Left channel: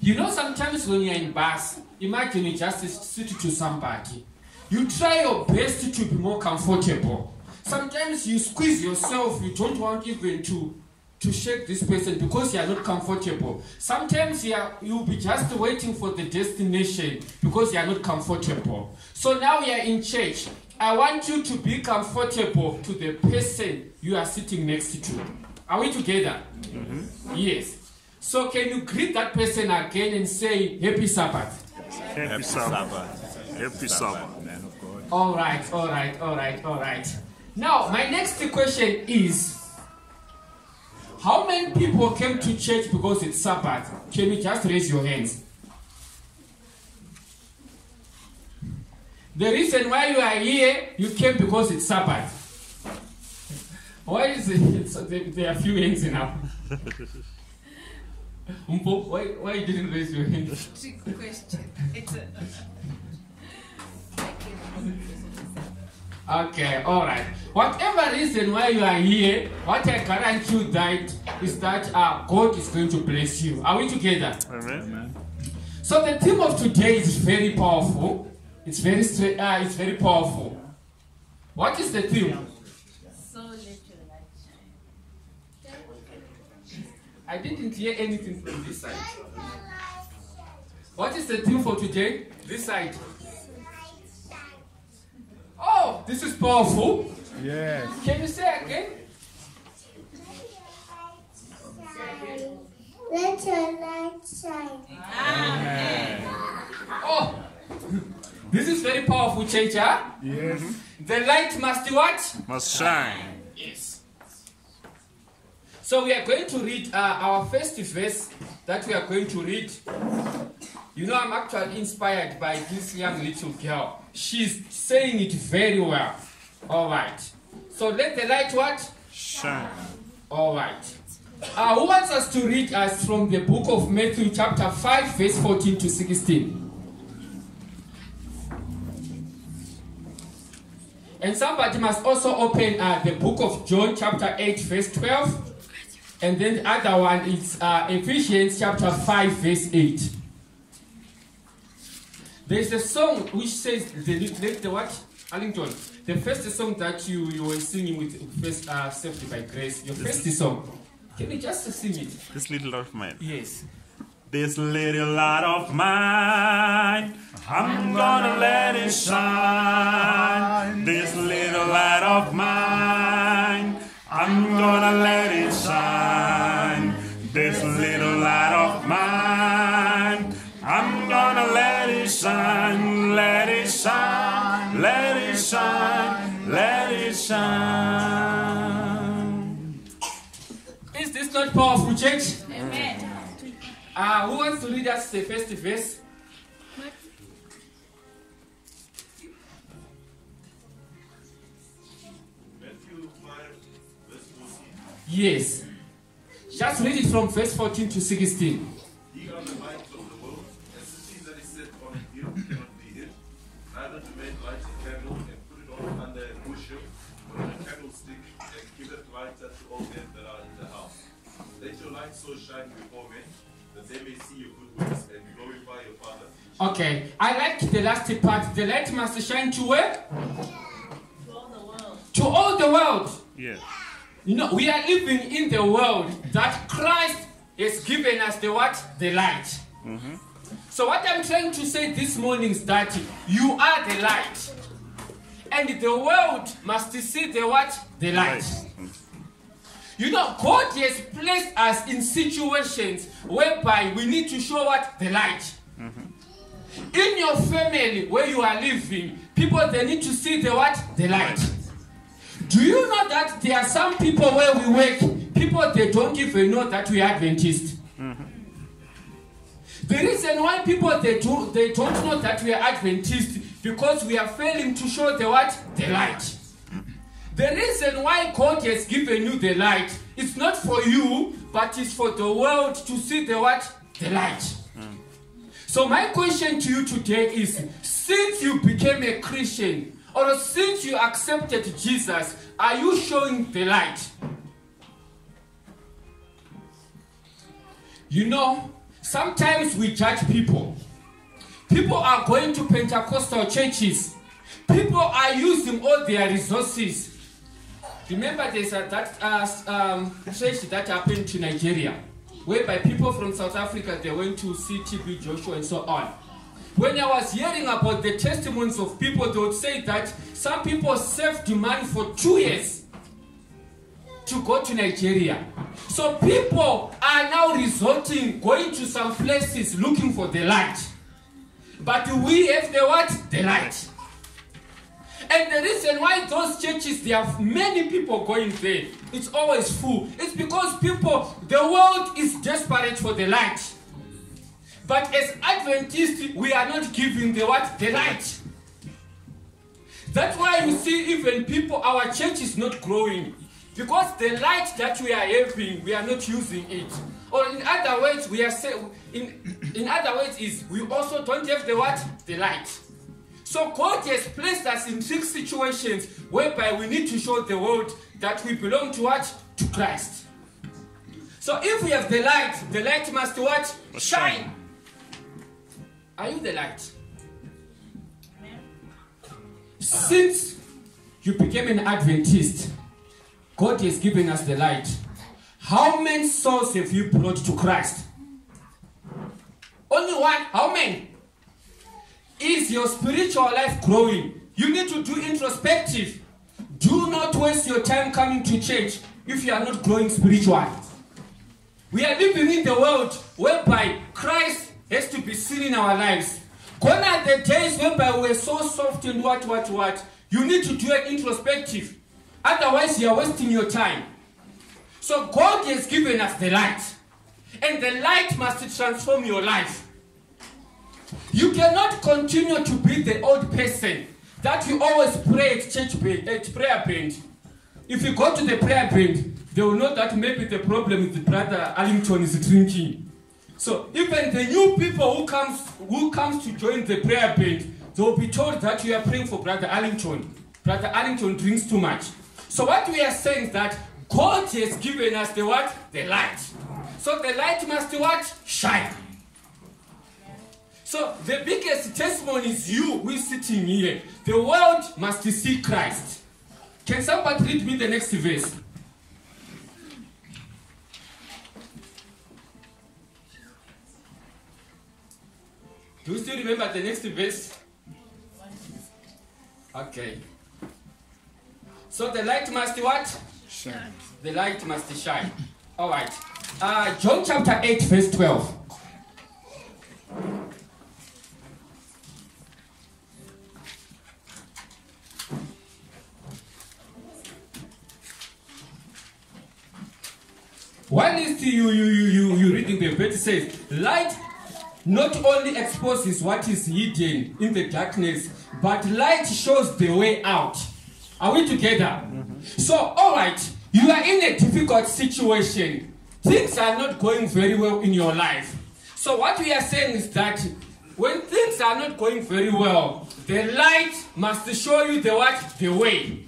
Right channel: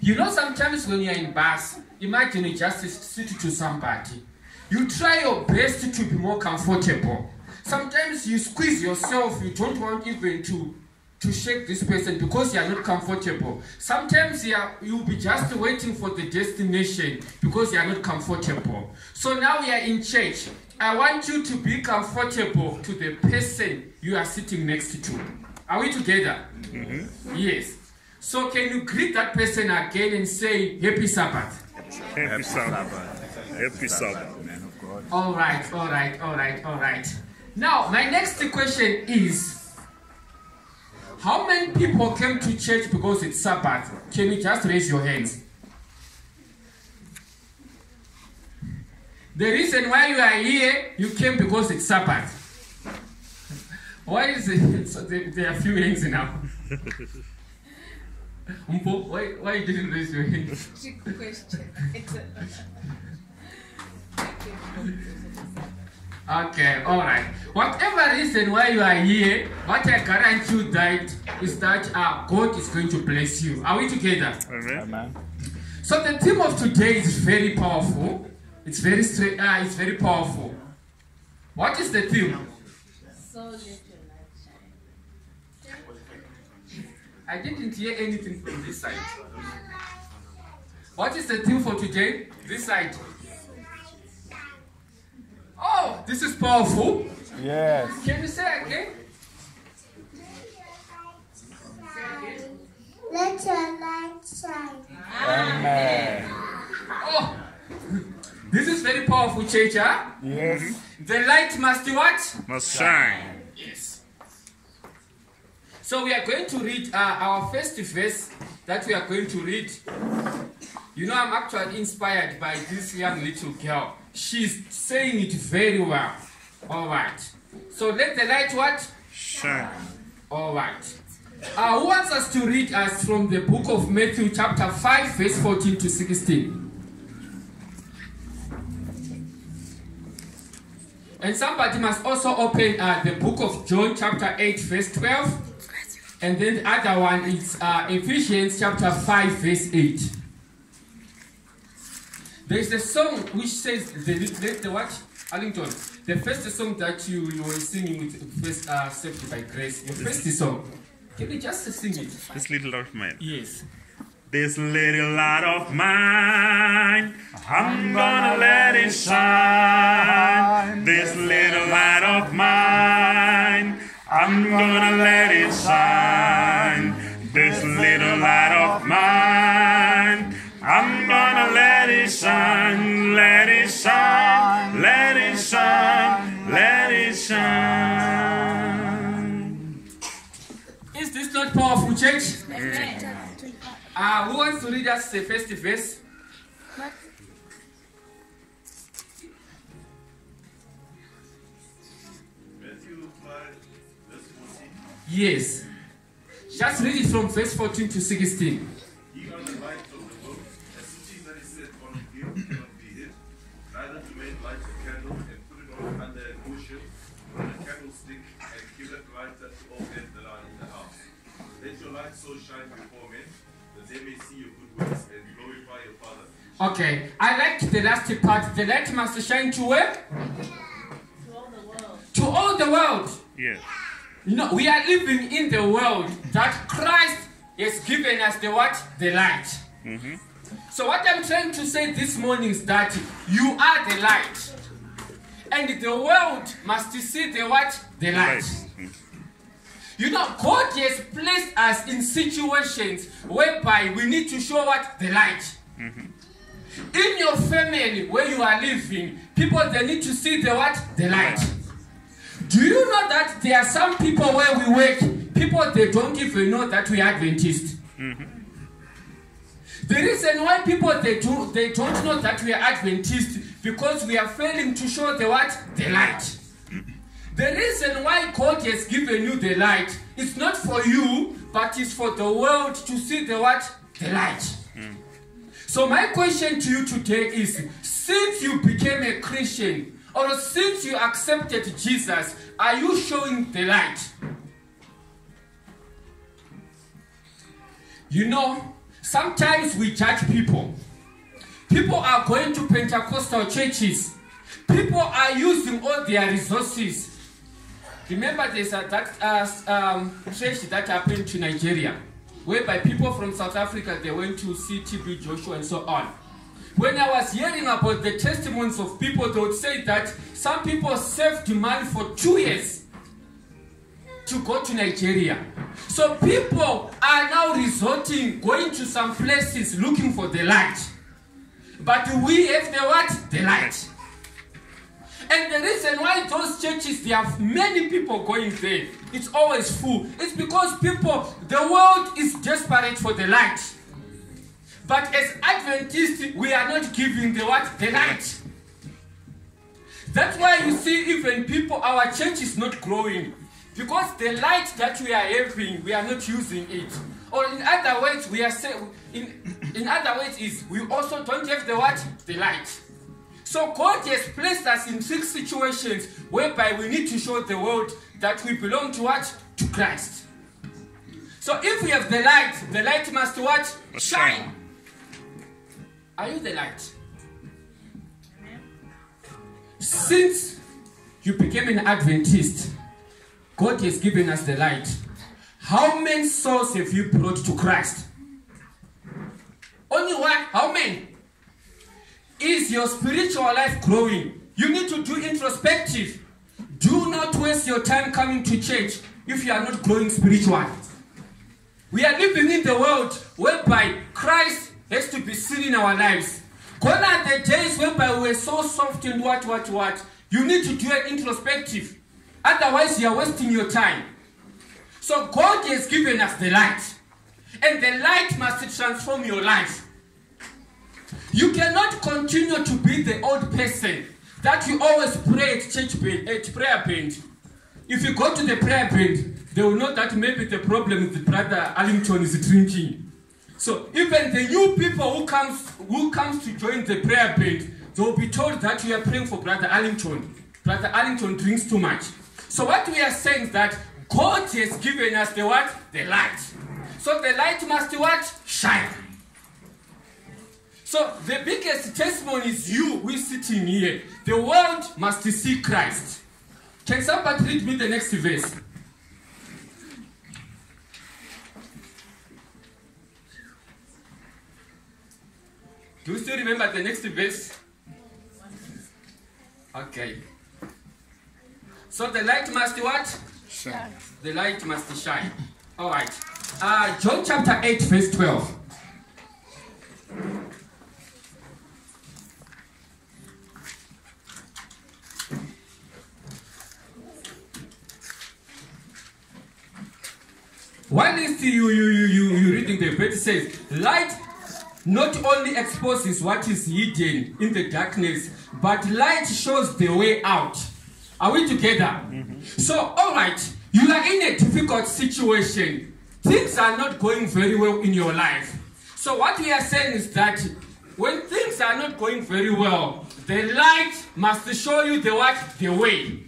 You know, sometimes when you're in bus, imagine you just sit to somebody. You try your best to be more comfortable. Sometimes you squeeze yourself. You don't want even to shake this person because you are not comfortable. Sometimes you'll be just waiting for the destination because you are not comfortable. So now you are in church. I want you to be comfortable to the person you are sitting next to. Are we together? Mm-hmm. Yes. So can you greet that person again and say, Happy Sabbath? Happy Sabbath. Happy Sabbath. Man of God. All right. Now, my next question is, how many people came to church because it's Sabbath? Can you just raise your hands? The reason why you are here, you came because it's Sabbath. Why is it? So there are few hands now. Why you didn't raise your hand? Trick question. Okay, all right. Whatever reason why you are here, what I guarantee you that is that God is going to bless you. Are we together? Amen. So the theme of today is very powerful. It's very straight. It's very powerful. What is the theme? So let your light shine. I didn't hear anything from this side. What is the theme for today? This side. Oh, this is powerful. Yes. Can you say again? Let your light shine. Amen. Oh, this is very powerful, church, huh? Yes. The light must what? Must shine. Yes. So we are going to read our first verse that we are going to read. You know, I'm actually inspired by this young little girl. She's saying it very well. All right. So let the light what? Shine. All right. Who wants us to read us from the book of Matthew chapter 5 verse 14 to 16? And somebody must also open the book of John chapter 8 verse 12. And then the other one is Ephesians chapter 5 verse 8. There is a song which says, the what? Arlington, the first song that you were singing with first Saved by Grace, your first song. Can you just sing it? This little light of mine. Yes. This little light of mine, I'm gonna let it shine. This little light of mine, I'm gonna let it shine. This little light of mine, I'm gonna let it shine, let it shine, let it shine, let it shine. Is this not powerful, church? Amen. Who wants to read us the first verse? Matthew 5, verse 14. Yes. Just read it from verse 14 to 16. Ye are the light of the world. A city that is set on a hill cannot be hid. Neither do men light a candle and put it on under a bushel, but on a candlestick, and give it light unto all men that are in the house. Let your light so shine before men, that they may see your good works and glorify your Father. Okay. I like the last part. The light must shine to where? To all the world. To all the world. Yes. You know, we are living in the world that Christ has given us the what? The light. Mm-hmm. So what I'm trying to say this morning is that you are the light. And the world must see the what? The light. You know, God has placed us in situations whereby we need to show what? The light. Mm-hmm. In your family where you are living, people, they need to see the what? The light. Do you know that there are some people where we work, people, they don't even know that we are Adventists? Mm-hmm. The reason why people, they don't know that we are Adventists because we are failing to show the what? The light. The reason why God has given you the light, it's not for you, but it's for the world to see the what? The light. So my question to you today is, since you became a Christian, or since you accepted Jesus, are you showing the light? You know, Sometimes we judge people. People are going to Pentecostal churches. People are using all their resources. Remember there's that church that happened to Nigeria, whereby people from South Africa, they went to see TB Joshua and so on. When I was hearing about the testimonies of people, they would say that some people saved money for 2 years to go to Nigeria. So people are now going to some places looking for the light. But we have the what? The light. And the reason why those churches, there are many people going there, it's always full. It's because the world is desperate for the light. But as Adventists, we are not giving the what? The light. That's why you see even people, our church is not growing. Because the light that we are having, we are not using it. Or in other words, we are saying, in other words is, we also don't have the what? The light. So God has placed us in 6 situations whereby we need to show the world that we belong to what? To Christ. So if we have the light must what? Shine. Are you the light? Since you became an Adventist, God has given us the light. How many souls have you brought to Christ? Only one. How many? Is your spiritual life growing? You need to do introspective. Do not waste your time coming to church if you are not growing spiritually. We are living in the world whereby Christ has to be seen in our lives. Gone are the days whereby we are so soft and what. You need to do an introspective. Otherwise, you are wasting your time. So God has given us the light. And the light must transform your life. You cannot continue to be the old person that you always pray at prayer band. If you go to the prayer band, they will know that maybe the problem with the brother Allington is drinking. So even the new people who comes to join the prayer band, they will be told that you are praying for Brother Allington. Brother Allington drinks too much. So what we are saying is that God has given us the what? The light. So the light must what? Shine. So the biggest testimony is you who is sitting here. The world must see Christ. Can somebody read me the next verse? Do you still remember the next verse? Okay. So the light must what? Shine. The light must shine. All right. John chapter 8, verse 12. While you reading the verse, it says, light not only exposes what is hidden in the darkness, but light shows the way out. Are we together? Mm-hmm. So, all right, you are in a difficult situation. Things are not going very well in your life. So what we are saying is that when things are not going very well, the light must show you the what? The way.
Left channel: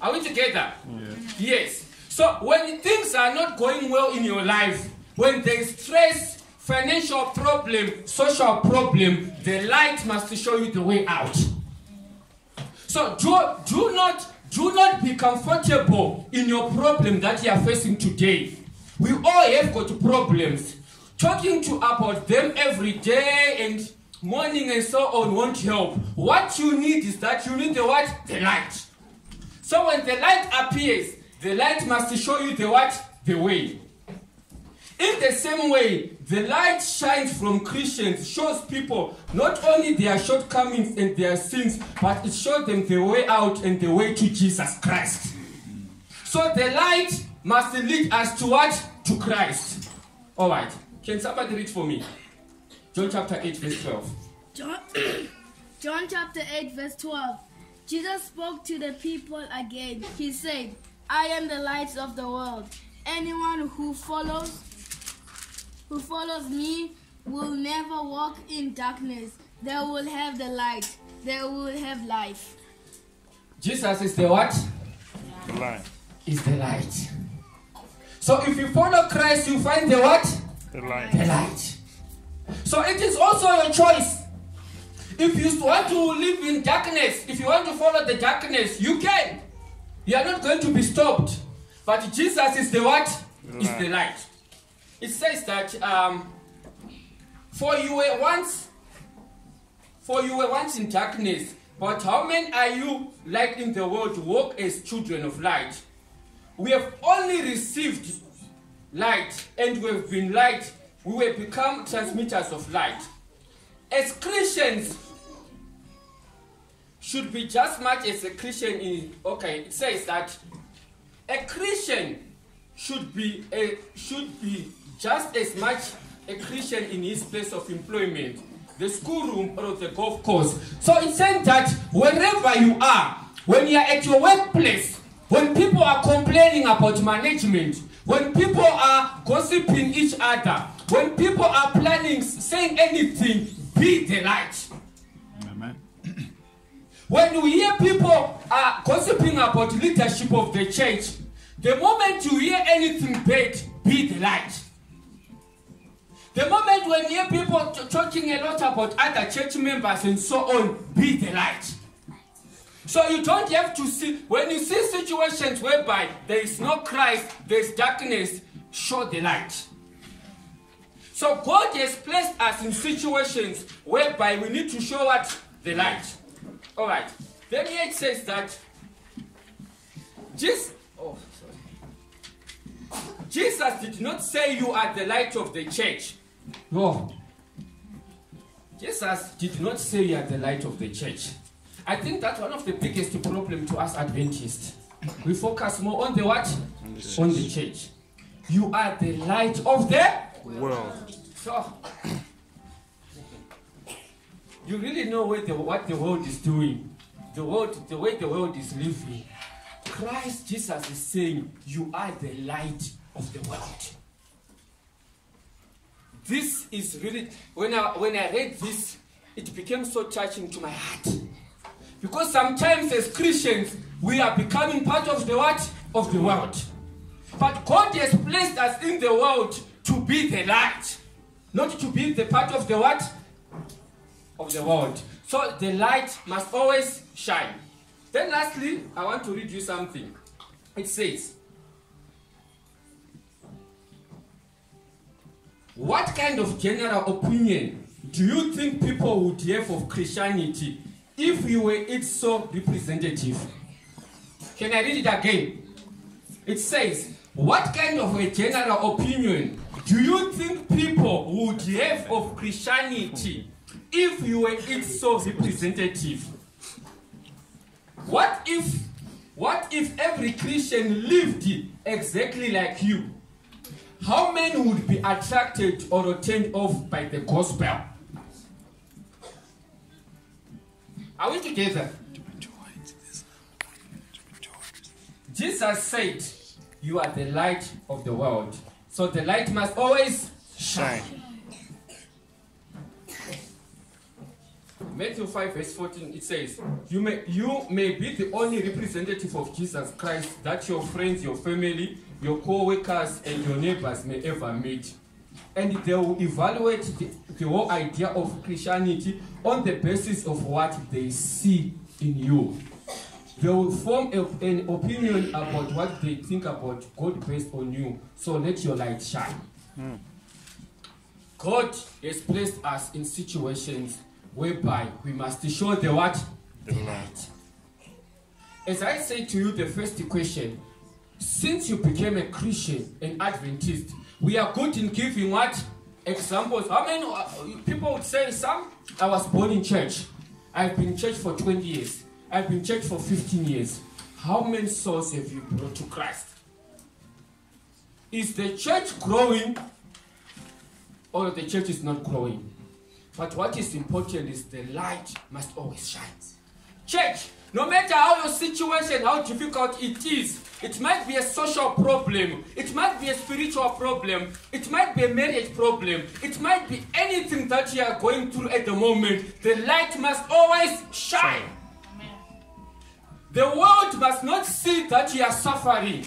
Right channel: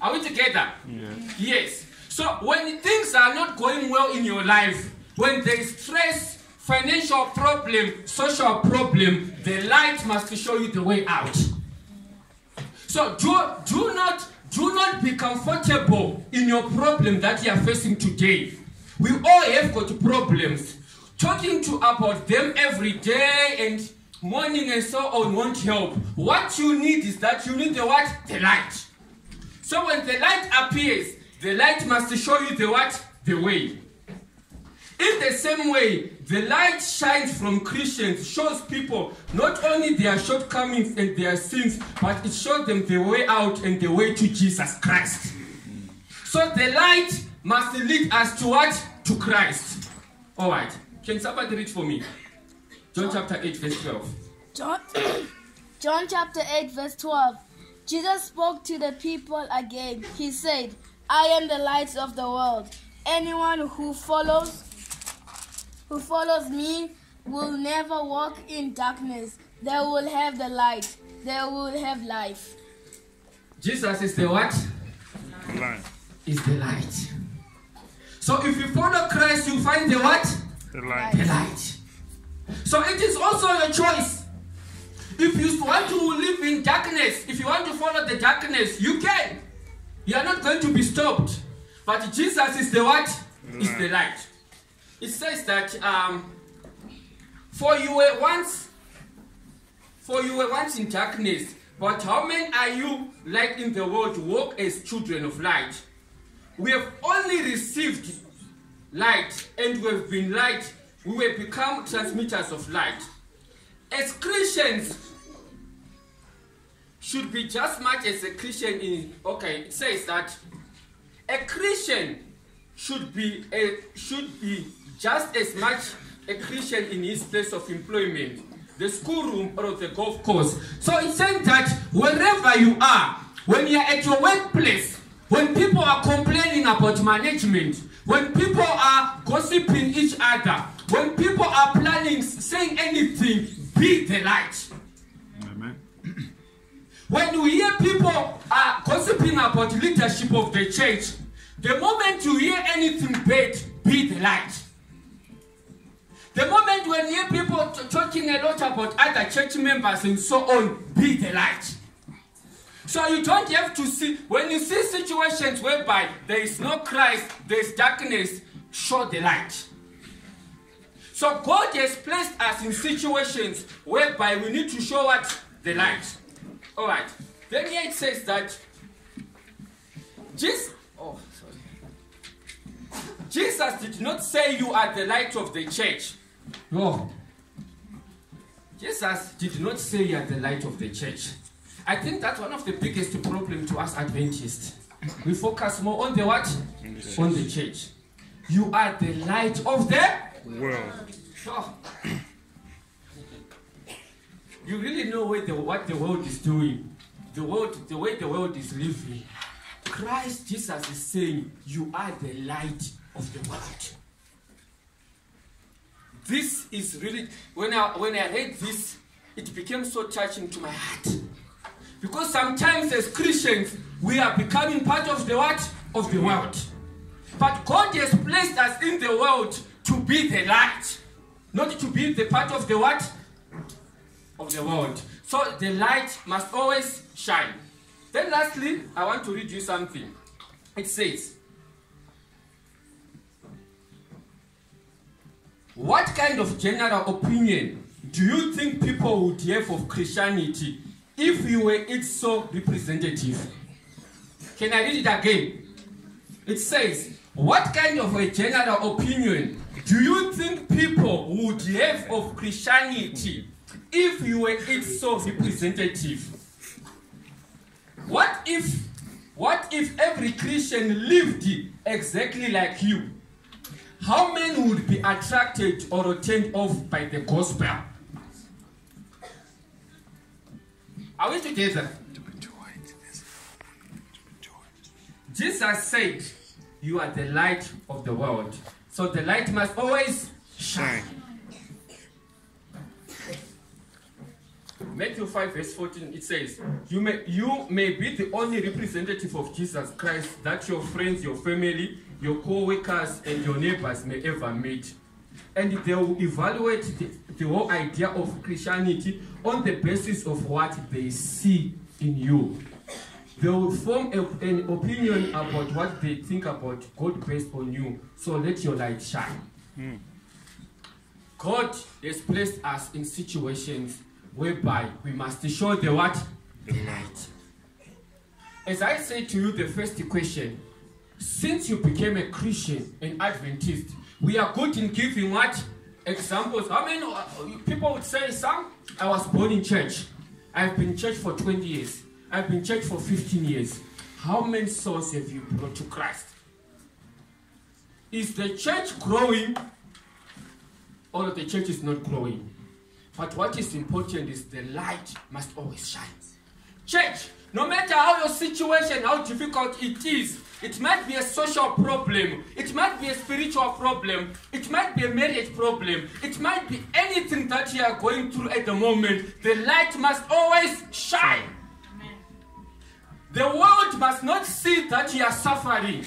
Are we together? Yes. Yes. So when things are not going well in your life, when there is stress, financial problem, social problem, the light must show you the way out. So do not be comfortable in your problem that you are facing today. We all have got problems. Talking about them every day and morning and so on won't help. What you need is that you need the what? The light. So when the light appears, the light must show you the what? The way. In the same way, the light shines from Christians, shows people not only their shortcomings and their sins, but it shows them the way out and the way to Jesus Christ. So the light must lead us to what? To Christ. All right. Can somebody read for me? John chapter 8, verse 12. John chapter 8, verse 12. Jesus spoke to the people again. He said, I am the light of the world. Anyone who follows me will never walk in darkness. They will have the light. They will have life. Jesus is the what? Light. Is the light. So if you follow Christ, you find the what? The light. The light. So it is also your choice. If you want to live in darkness, if you want to follow the darkness, you can. You are not going to be stopped. But Jesus is the what? Is the light. It says that for you were once in darkness, but how many are you light in the world, walk as children of light? We have only received light, and we have been light. We will become transmitters of light. As Christians, should be just much as a Christian in, okay, it says that a Christian should be just as much a Christian in his place of employment, the schoolroom or the golf course. So it's saying that wherever you are, when you are at your workplace, when people are complaining about management, when people are gossiping each other, when people are planning, saying anything, be the light. Amen. When you hear people are gossiping about leadership of the church, the moment you hear anything bad, be the light. The moment when you hear people talking a lot about other church members and so on, be the light. So you don't have to see, when you see situations whereby there is no Christ, there is darkness, show the light. So God has placed us in situations whereby we need to show what? The light. Alright. Then here it says that Jesus did not say you are the light of the church. No. Jesus did not say you are the light of the church. I think that's one of the biggest problems to us Adventists. We focus more on the what? On the church. You are the light of the World. So, you really know what the world is doing. The way the world is living. Christ Jesus is saying, you are the light of the world. This is really, when I read this, it became so touching to my heart. Because sometimes as Christians, we are becoming part of the what? Of the world. But God has placed us in the world to be the light. Not to be the part of the what? Of the world. So the light must always shine. Then lastly, I want to read you something. It says, what kind of general opinion do you think people would have of Christianity if you were its sole representative? Can I read it again? It says, what kind of a general opinion do you think people would have of Christianity if you were its sole representative? What if every Christian lived exactly like you? How many would be attracted or turned off by the gospel? Are we together? Jesus said, you are the light of the world. So the light must always shine. Matthew 5 verse 14, it says, you may be the only representative of Jesus Christ that your friends, your family, your co-workers, and your neighbors may ever meet. And they will evaluate the whole idea of Christianity on the basis of what they see in you. They will form an opinion about what they think about God based on you. So let your light shine. God has placed us in situations whereby we must show the what? The light. As I said to you, the first question, since you became a Christian and Adventist, we are good in giving what? Examples. How many people would say, some, I was born in church. I've been in church for 20 years. I've been in church for 15 years. How many souls have you brought to Christ? Is the church growing or the church is not growing? But what is important is the light must always shine. Church, no matter how your situation, how difficult it is, it might be a social problem, it might be a spiritual problem, it might be a marriage problem, it might be anything that you are going through at the moment, the light must always shine. Amen. The world must not see that you are suffering.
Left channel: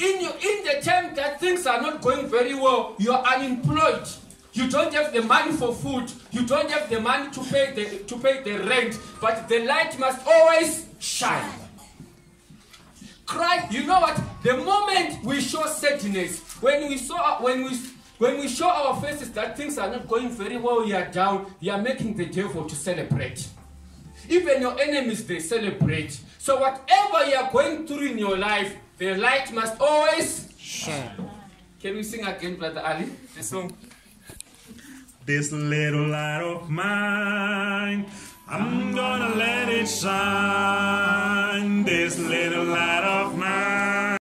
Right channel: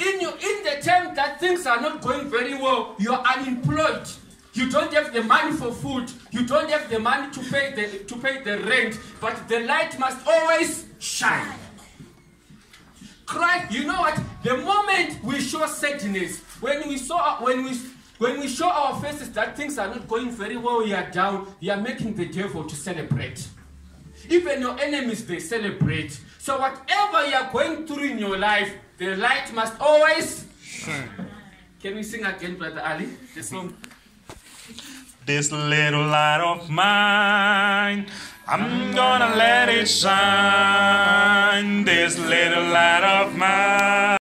In the time that things are not going very well, you are unemployed. You don't have the money for food. You don't have the money to pay the rent. But the light must always shine. Christ, you know what? The moment we show sadness, when we show our faces that things are not going very well, we are down, we are making the devil to celebrate. Even your enemies, they celebrate. So whatever you are going through in your life, the light must always shine. Can we sing again, Brother Ali? The song. This little light of mine, I'm gonna let it shine. This little light of mine.